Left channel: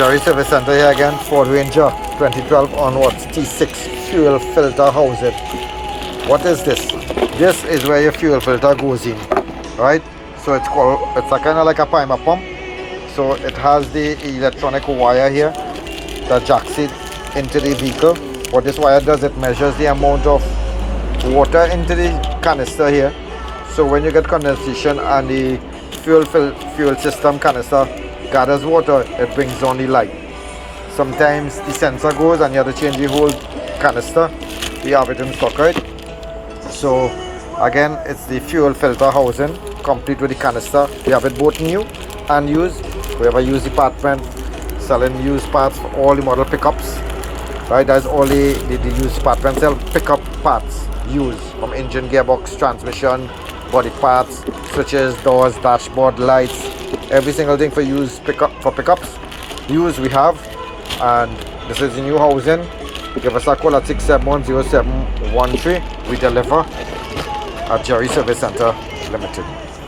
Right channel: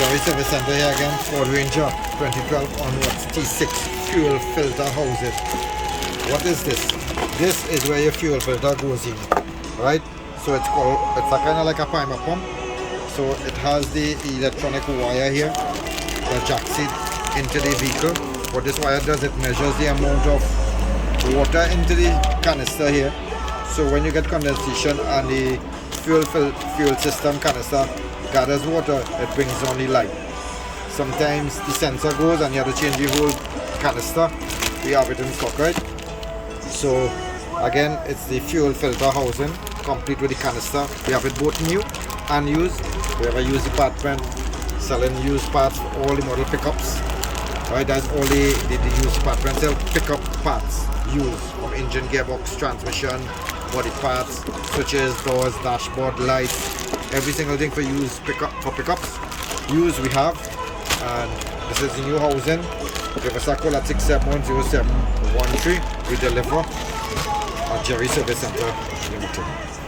Jerry Service Center here again, Ford Ranger 2012 onwards, T6 fuel filter housing. What is this? This is where your fuel filter goes in, right? So it's a kind of like a primer pump. So it has the electronic wire here that jacks it into the vehicle. What this wire does, it measures the amount of water into the canister here. So when you get condensation and the fuel system canister gathers water, it brings on the light. Sometimes the sensor goes and you have to change the whole canister. We have it in stock, right? So again, it's the fuel filter housing complete with the canister. We have it both new and used. We have a used department selling used parts for all the model pickups, right? That's all the used department sell pickup parts used, from engine, gearbox, transmission, body parts, switches, doors, dashboard, lights, every single thing for used pickups. Used we have, and this is the new housing. Give us a call at 6710713. We deliver at Jerry Service Center Limited.